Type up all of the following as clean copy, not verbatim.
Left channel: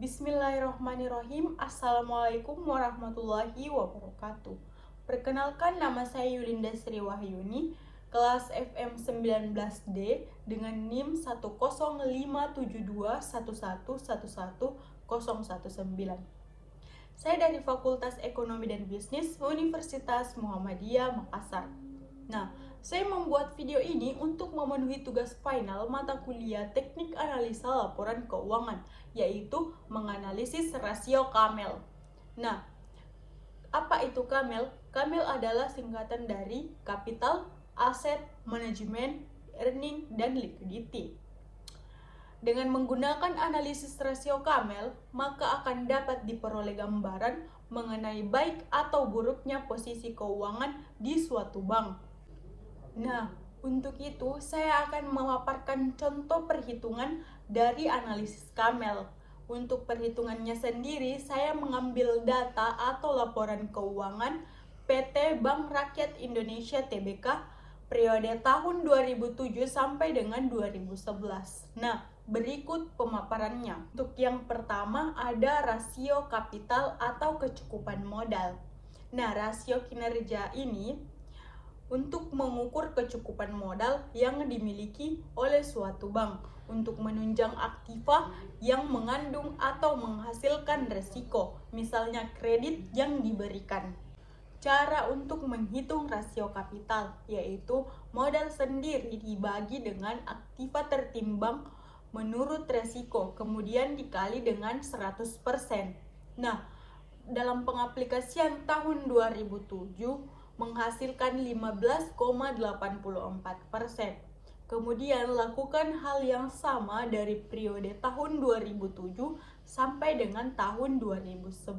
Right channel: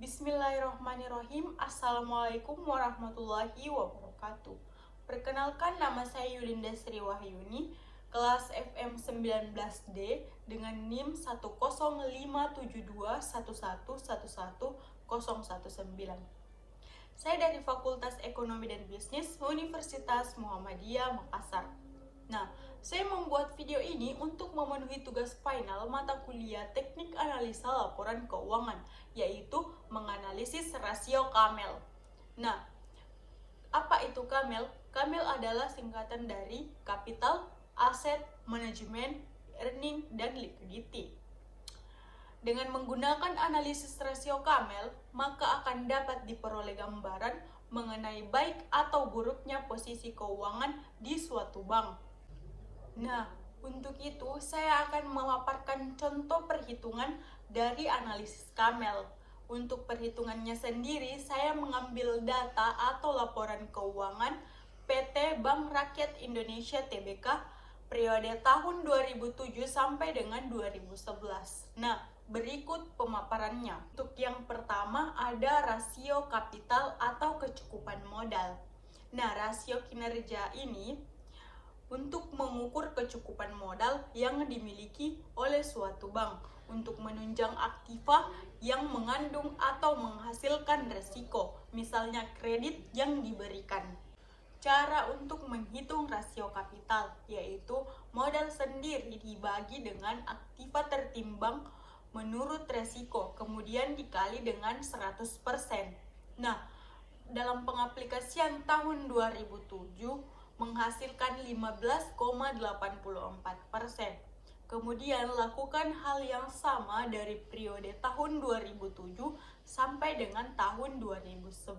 Bismillahirrahmanirrahim. Assalamualaikum warahmatullahi wabarakatuh. Perkenalkan, nama saya Yulinda Sri Wahyuni, kelas FM 19D dengan NIM 1057211111019. Saya dari Fakultas Ekonomi dan Bisnis Universitas Muhammadiyah Makassar. Nah, saya membuat video ini untuk memenuhi tugas final mata kuliah Teknik Analisa Laporan Keuangan, yaitu menganalisis rasio KAMEL. Nah, apa itu KAMEL? KAMEL adalah singkatan dari Capital, Asset, Management, Earning, dan Liquidity. Dengan menggunakan analisis rasio KAMEL, maka akan dapat diperoleh gambaran mengenai baik atau buruknya posisi keuangan di suatu bank. Nah, untuk itu saya akan memaparkan contoh perhitungan dari analisis KAMEL. Untuk perhitungannya sendiri, saya mengambil data atau laporan keuangan PT Bank Rakyat Indonesia Tbk periode tahun 2007 sampai dengan 2011. Nah, berikut pemaparannya. Untuk yang pertama ada rasio kapital atau kecukupan modal. Nah, rasio kinerja ini untuk mengukur kecukupan modal yang dimiliki oleh suatu bank untuk menunjang aktiva yang mengandung atau menghasilkan resiko, misalnya kredit yang diberikan. Cara untuk menghitung rasio kapital yaitu modal sendiri dibagi dengan aktiva tertimbang menurut resiko, kemudian dikali dengan 100%. Nah, dalam pengaplikasian tahun 2007 menghasilkan 15,84%. Kemudian lakukan hal yang sama dari periode tahun 2007 sampai dengan tahun 2011.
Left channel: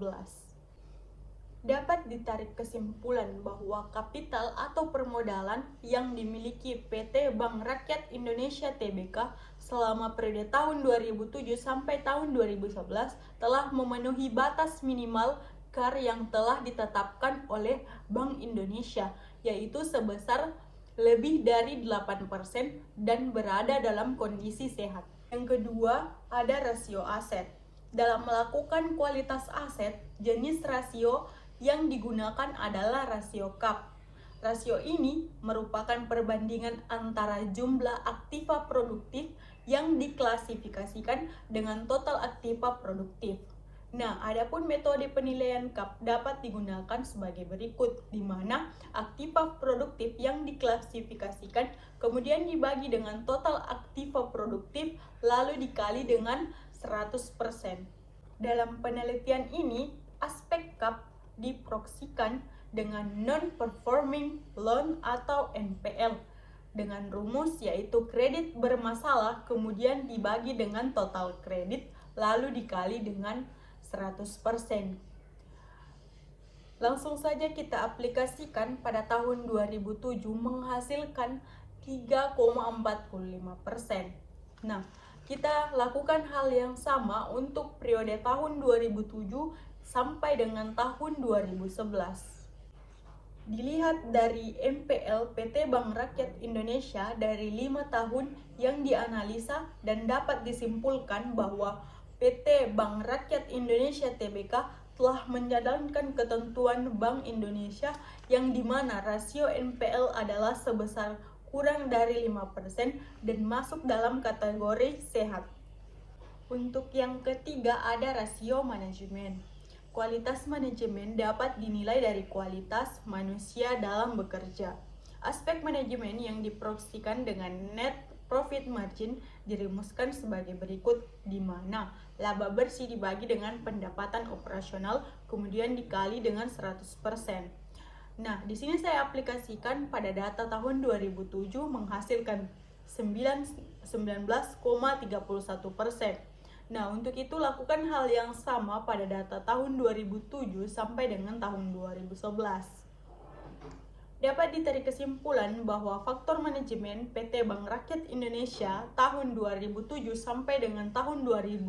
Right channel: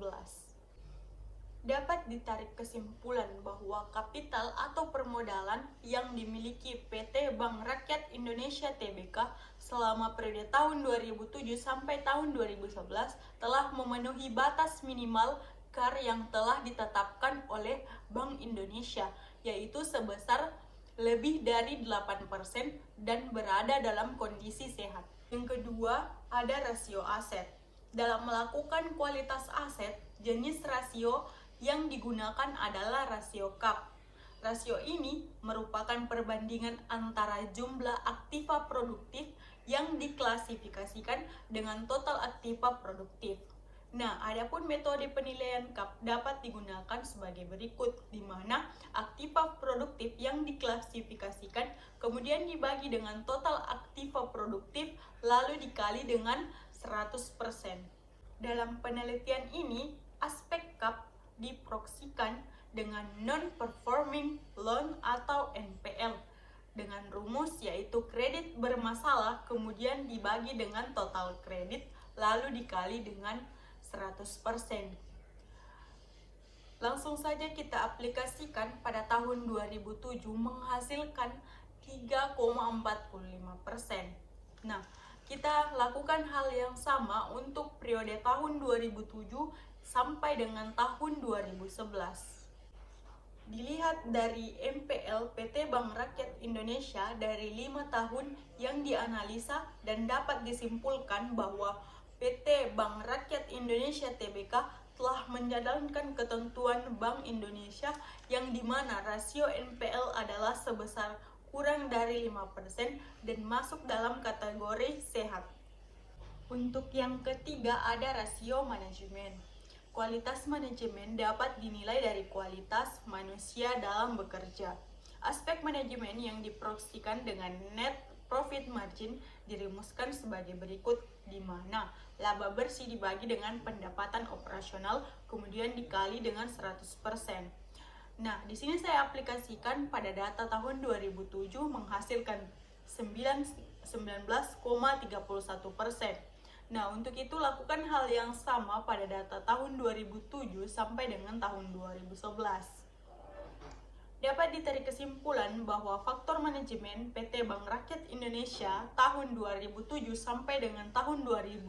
Dapat ditarik kesimpulan bahwa kapital atau permodalan yang dimiliki PT Bank Rakyat Indonesia Tbk selama periode tahun 2007 sampai tahun 2011 telah memenuhi batas minimal KAR yang telah ditetapkan oleh Bank Indonesia, yaitu sebesar lebih dari 8% dan berada dalam kondisi sehat. Yang kedua, ada rasio aset. Dalam melakukan kualitas aset, jenis rasio yang digunakan adalah rasio KAP. Rasio ini merupakan perbandingan antara jumlah aktiva produktif yang diklasifikasikan dengan total aktiva produktif. Nah, adapun metode penilaian KAP dapat digunakan sebagai berikut, di mana aktiva produktif yang diklasifikasikan kemudian dibagi dengan total aktiva produktif lalu dikali dengan 100%. Dalam penelitian ini, aspek KAP diproksikan dengan non-performing loan atau NPL dengan rumus yaitu kredit bermasalah kemudian dibagi dengan total kredit lalu dikali dengan 100%. Langsung saja kita aplikasikan pada tahun 2007 menghasilkan 3,45%. Nah, kita lakukan hal yang sama untuk periode tahun 2007 sampai dengan tahun 2011. Dilihat dari NPL PT Bank Rakyat Indonesia dari 5 tahun yang dianalisa dan dapat disimpulkan bahwa PT Bank Rakyat Indonesia Tbk telah menjalankan ketentuan Bank Indonesia yang dimana rasio NPL adalah sebesar kurang dari 5% dan masuk dalam kategori sehat. Untuk yang ketiga ada rasio manajemen. Kualitas manajemen dapat dinilai dari kualitas manusia dalam bekerja. Aspek manajemen yang diproyeksikan dengan net profit margin dirumuskan sebagai berikut, di mana laba bersih dibagi dengan pendapatan operasional kemudian dikali dengan 100%. Nah, di sini saya aplikasikan pada data tahun 2007 menghasilkan 19,31%. Nah, untuk itu lakukan hal yang sama pada data tahun 2007 sampai dengan tahun 2011. Dapat ditarik kesimpulan bahwa faktor manajemen PT Bank Rakyat Indonesia tahun 2007 sampai dengan tahun 2011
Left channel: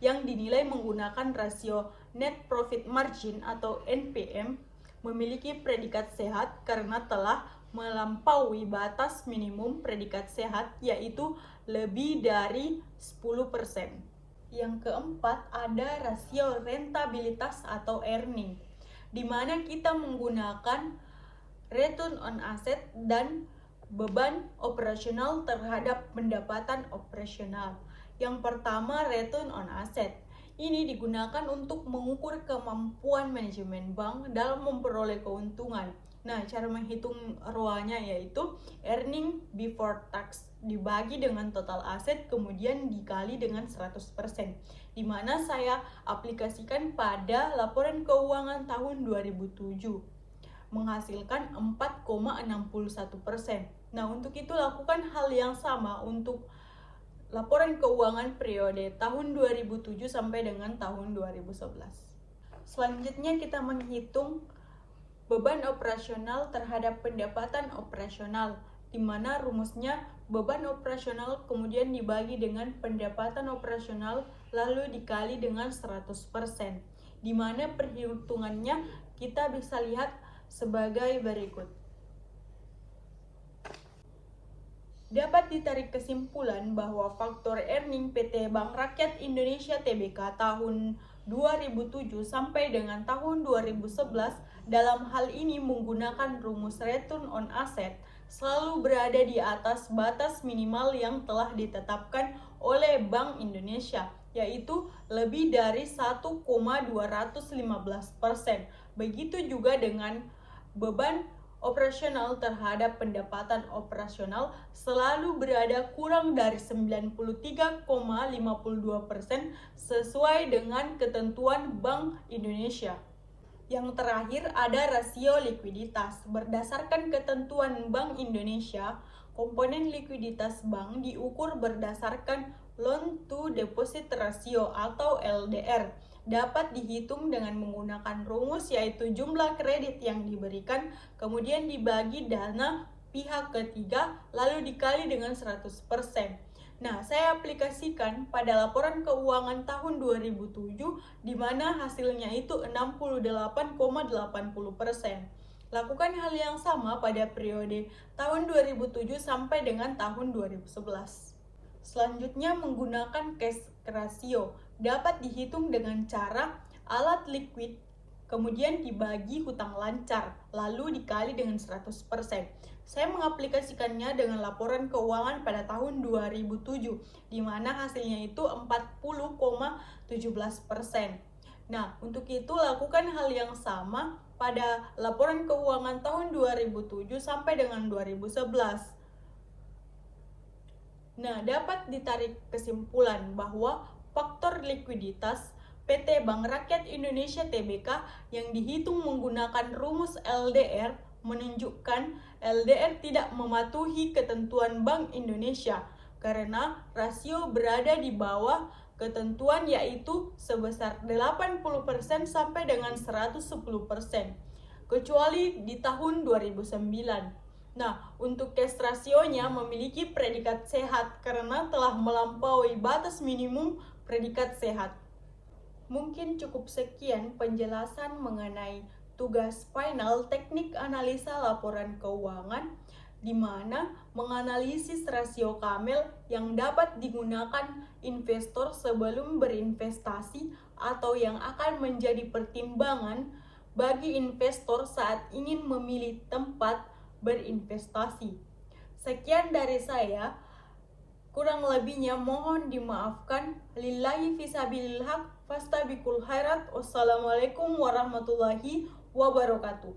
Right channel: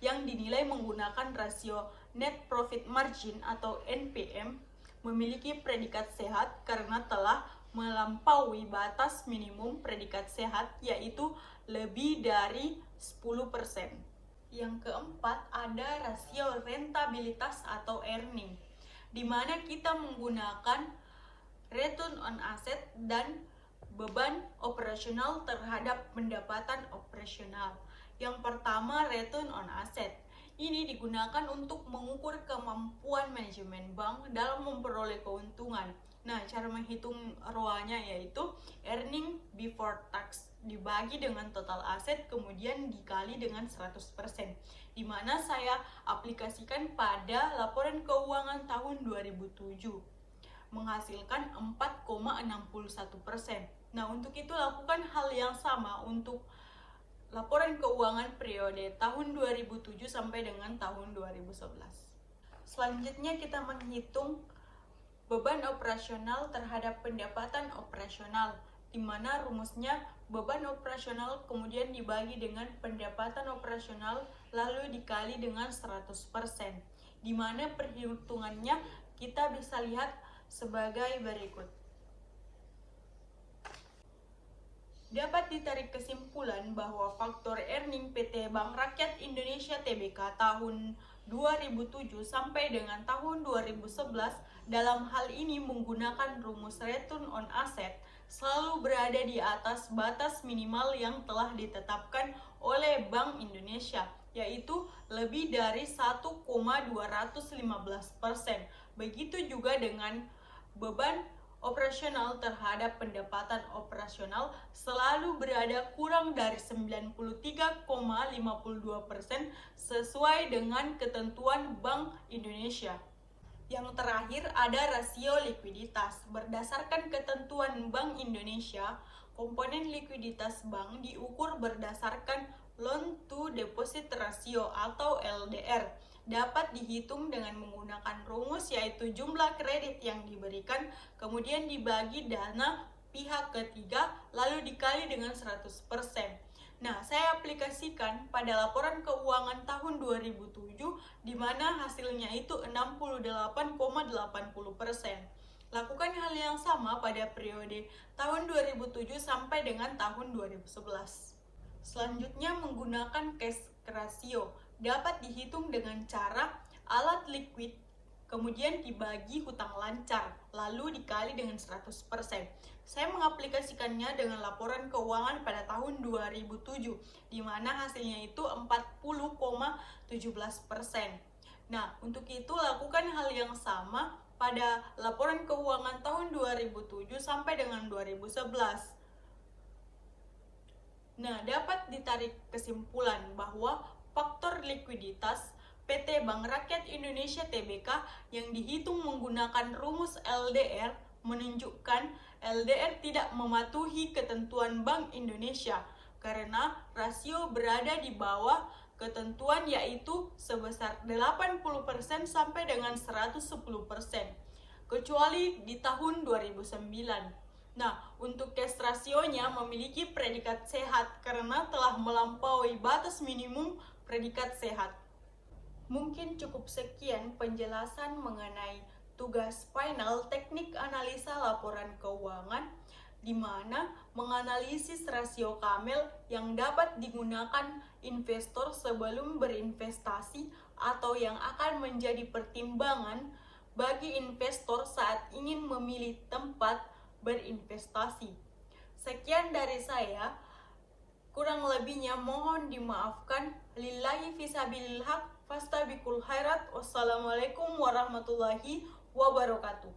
yang dinilai menggunakan rasio net profit margin atau NPM memiliki predikat sehat karena telah melampaui batas minimum predikat sehat yaitu lebih dari 10%. Yang keempat ada rasio rentabilitas atau earning, di mana kita menggunakan return on asset dan beban operasional terhadap pendapatan operasional. Yang pertama, return on asset. Ini digunakan untuk mengukur kemampuan manajemen bank dalam memperoleh keuntungan. Nah, cara menghitung ROA-nya yaitu earning before tax dibagi dengan total aset kemudian dikali dengan 100%, di mana saya aplikasikan pada laporan keuangan tahun 2007 menghasilkan 4,61%. Nah, untuk itu lakukan hal yang sama untuk laporan keuangan periode tahun 2007 sampai dengan tahun 2011. Selanjutnya kita menghitung beban operasional terhadap pendapatan operasional, di mana rumusnya beban operasional kemudian dibagi dengan pendapatan operasional lalu dikali dengan 100%, di mana perhitungannya kita bisa lihat sebagai berikut. Dapat ditarik kesimpulan bahwa faktor earning PT Bank Rakyat Indonesia Tbk tahun 2007 sampai dengan tahun 2011 dalam hal ini menggunakan rumus return on asset selalu berada di atas batas minimal yang telah ditetapkan oleh Bank Indonesia, yaitu lebih dari 1,215%. Begitu juga dengan beban operasional terhadap pendapatan operasional selalu berada kurang dari 93,52% sesuai dengan ketentuan Bank Indonesia. Yang terakhir ada rasio likuiditas. Berdasarkan ketentuan Bank Indonesia, komponen likuiditas bank diukur berdasarkan loan to deposit ratio atau LDR. Dapat dihitung dengan menggunakan rumus yaitu jumlah kredit yang diberikan, kemudian dibagi dana pihak ketiga, lalu dikali dengan 100%. Nah, saya aplikasikan pada laporan keuangan tahun 2007, di mana hasilnya itu 68,80%. Lakukan hal yang sama pada periode tahun 2007 sampai dengan tahun 2011. Selanjutnya menggunakan cash ratio. Dapat dihitung dengan cara alat liquid kemudian dibagi hutang lancar, lalu dikali dengan 100%. Saya mengaplikasikannya dengan laporan keuangan pada tahun 2007, di mana hasilnya itu 40,17%. Nah, untuk itu lakukan hal yang sama pada laporan keuangan tahun 2007 sampai dengan 2011. Nah, dapat ditarik kesimpulan bahwa faktor likuiditas PT Bank Rakyat Indonesia Tbk yang dihitung menggunakan rumus LDR menunjukkan LDR tidak mematuhi ketentuan Bank Indonesia karena rasio berada di bawah ketentuan yaitu sebesar 80% sampai dengan 110%, kecuali di tahun 2009. Nah, untuk cash rasionya memiliki predikat sehat karena telah melampaui batas minimum predikat sehat. Mungkin cukup sekian penjelasan mengenai tugas final teknik analisa laporan keuangan, di mana menganalisis rasio Kamel yang dapat digunakan investor sebelum berinvestasi atau yang akan menjadi pertimbangan bagi investor saat ingin memilih tempat berinvestasi. Sekian dari saya. Kurang lebihnya mohon dimaafkan. Lillahi fisabilillah, fastabiqul khairat. Wassalamualaikum warahmatullahi wabarakatuh.